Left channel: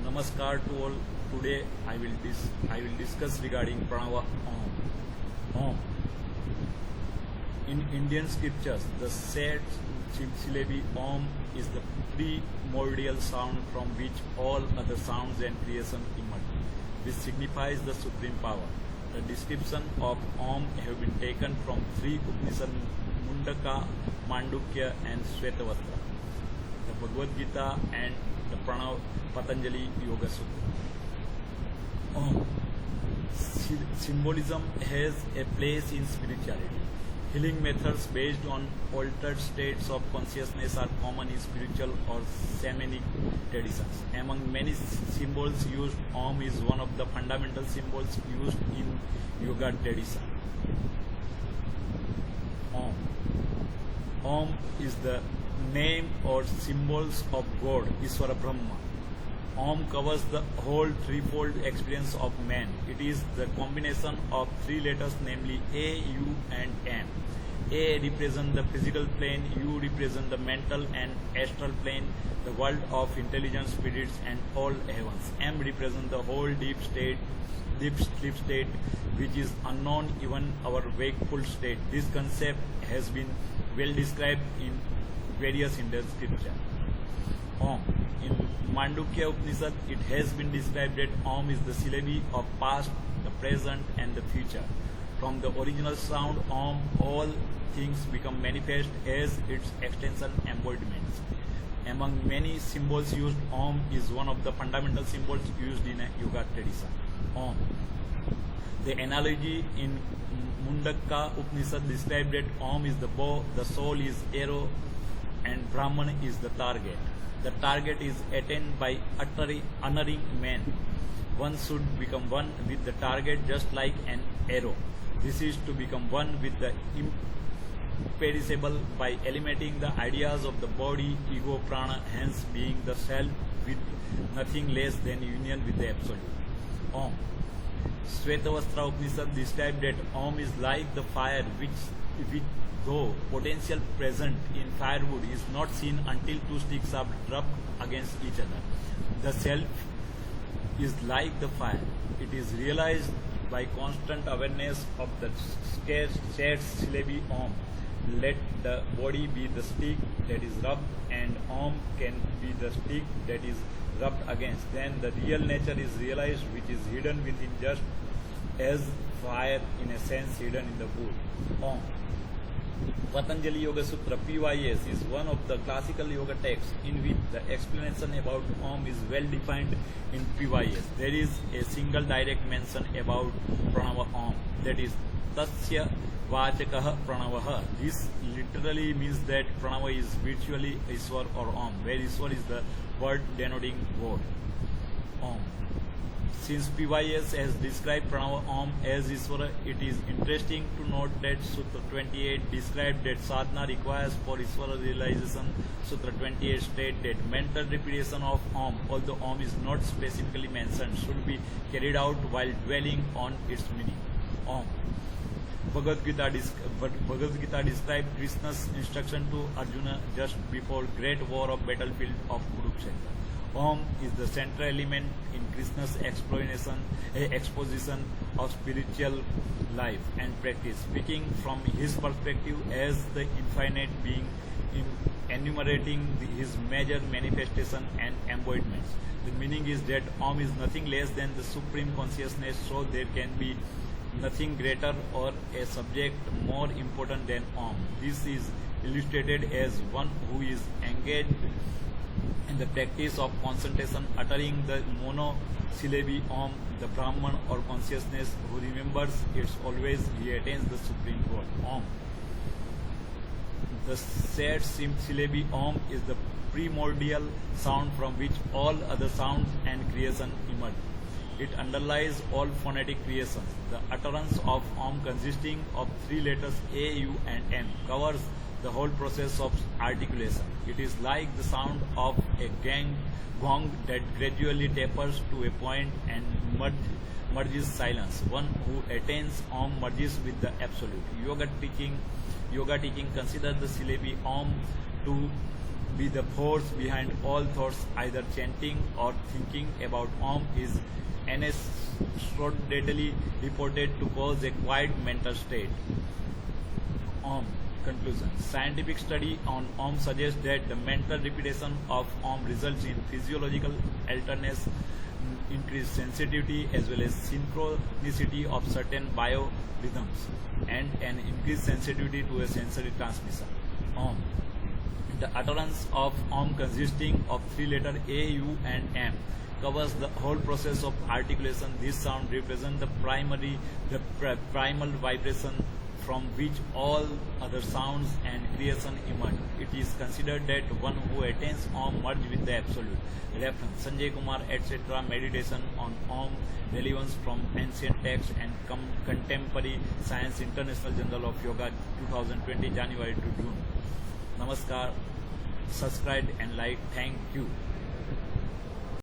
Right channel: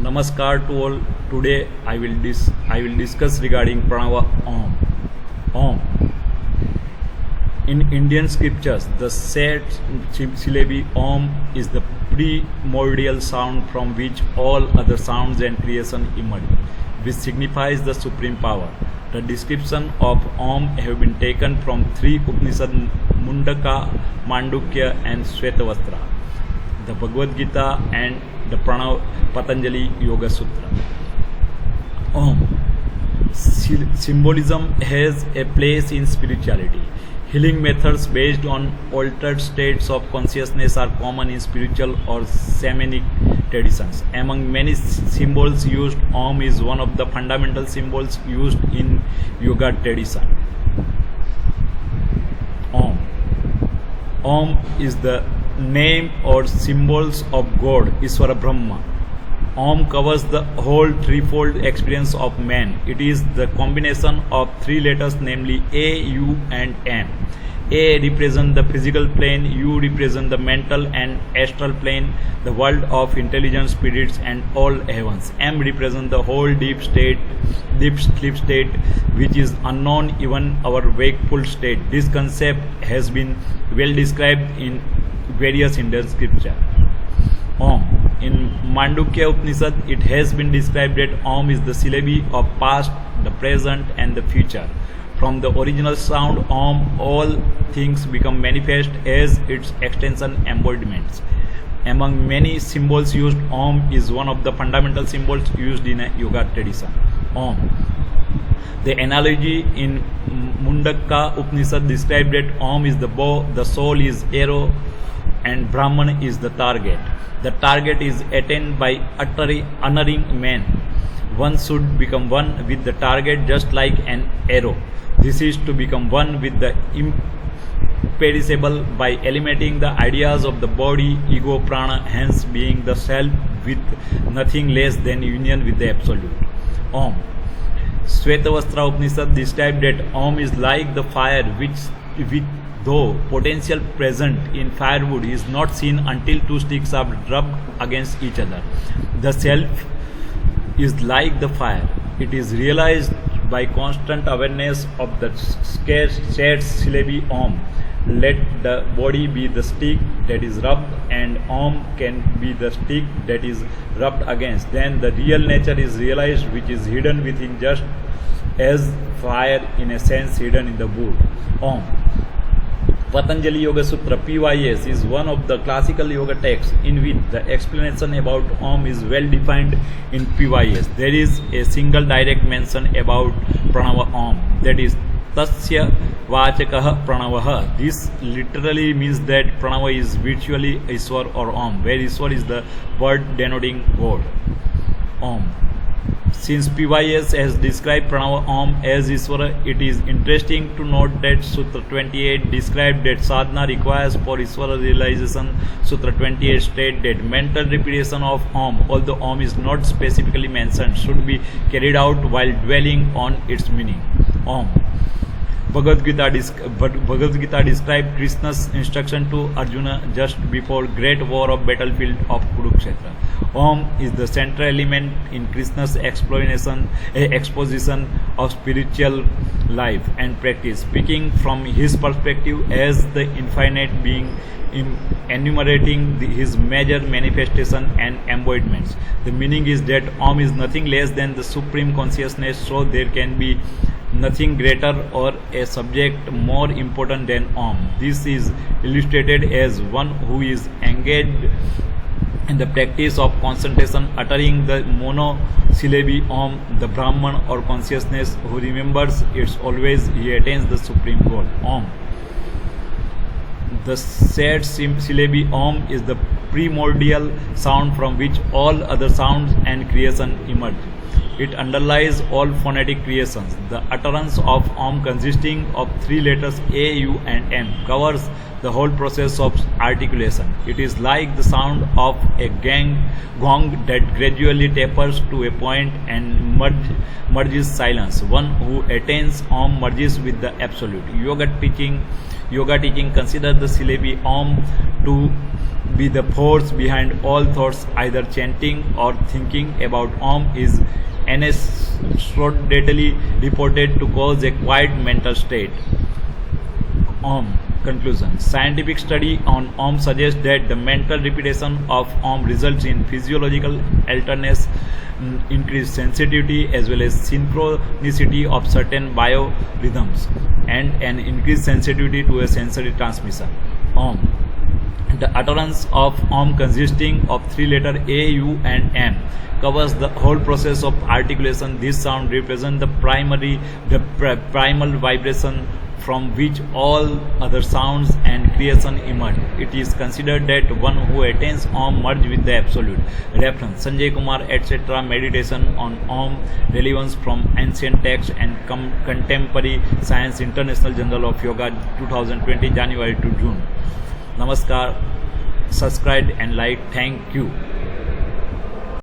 Namaskar to all. Today I will discuss regarding Pranava Om. Om. In Indian scriptures, the said syllable Om is the primordial sound from which all other sounds and creation emerge, which signifies the supreme power. The description of Om have been taken from three Upanishads, Mundaka, Mandukya, and Shvetavastra, the Bhagavad Gita, and the Patanjali Yoga Sutra. Om. Symbolism has a place in spirituality. Healing methods based on altered states of consciousness are common in spiritual or shamanic traditions. Among many symbols used, Om is one of the fundamental symbols used in yoga tradition. Om. Om is the name or symbols of God, Ishvara Brahma. Om covers the whole threefold experience of man. It is the combination of three letters, namely A, U, and M. A represents the physical plane, U represents the mental and astral plane, the world of intelligent spirits and all heavens. M represents the whole deep sleep state, which is unknown even our wakeful state. This concept has been well described in various Indian scripture. Om. In Mandukya Upanishad, it has been described that Om is the syllable of past, the present, and the future. From the original sound Om, all things become manifest as its extension embodiments. Among many symbols used, Om is one of the fundamental symbols used in a yoga tradition. Om. The analogy in Mundaka Upanishad described that Om is the bow, the soul is arrow, and Brahman is the target. The target is attained by honoring man. One should become one with the target just like an arrow. This is to become one with the imperishable by eliminating the ideas of the body, ego, prana, hence being the self with nothing less than union with the absolute. Om. Shvetavastra Upanishad described that Om is like the fire which though potential present in firewood is not seen until two sticks are rubbed against each other. The self is like the fire. It is realized by constant awareness of the shared syllable Om. Let the body be the stick that is rubbed and Om can be the stick that is rubbed against. Then the real nature is realized, which is hidden within just as fire in a sense hidden in the wood. Om. Patanjali Yoga Sutra (PYS) is one of the classical yoga texts in which the explanation about Om is well defined in PYS. There is a single direct mention about Pranava Om, that is Tasya Vachakah Pranavah. This literally means that Pranava is virtually Ishwar or Om, where Ishwar is the word denoting God. Om. Since PYS has described Pranava Om as Ishvara, it is interesting to note that Sutra 28 described that sadhana requires for Ishvara realization. Sutra 28 states that mental repetition of Om, although Om is not specifically mentioned, should be carried out while dwelling on its meaning. Om. Bhagavad Gita described Krishna's instruction to Arjuna just before great war of battlefield of Kurukshetra. Om is the central element in Krishna's exposition of spiritual life and practice. Speaking from his perspective as the infinite being, enumerating his major manifestation and embodiments. The meaning is that Om is nothing less than the supreme consciousness, so there can be nothing greater or a subject more important than Om. This is illustrated as one who is engaged in the practice of concentration, uttering the monosyllable Om, the Brahman or consciousness who remembers it always, he attains the supreme goal. Om. The said syllable Om is the primordial sound from which all other sounds and creation emerge. It underlies all phonetic creations. The utterance of Om, consisting of three letters A, U, and M, covers the whole process of articulation. It is like the sound of a gong that gradually tapers to a point and merges silence. One who attains Om merges with the Absolute. Yoga teaching considers the syllable Om to be the force behind all thoughts, either chanting or thinking about Om is anecdotally reported to cause a quiet mental state. Om. Conclusion. Scientific study on Om suggests that the mental repetition of Om results in physiological alertness, increased sensitivity as well as synchronicity of certain biorhythms, and an increased sensitivity to a sensory transmission. Om. The utterance of Om, consisting of three letters A, U, and M, covers the whole process of articulation. This sound represents the primal vibration from which all other sounds and creation emerge. It is considered that one who attains Om merges with the Absolute. Reference: Sanjay Kumar, etc. Meditation on Om, relevance from ancient texts and contemporary science. International Journal of Yoga, 2020, January to June. Namaskar. Subscribe and like. Thank you.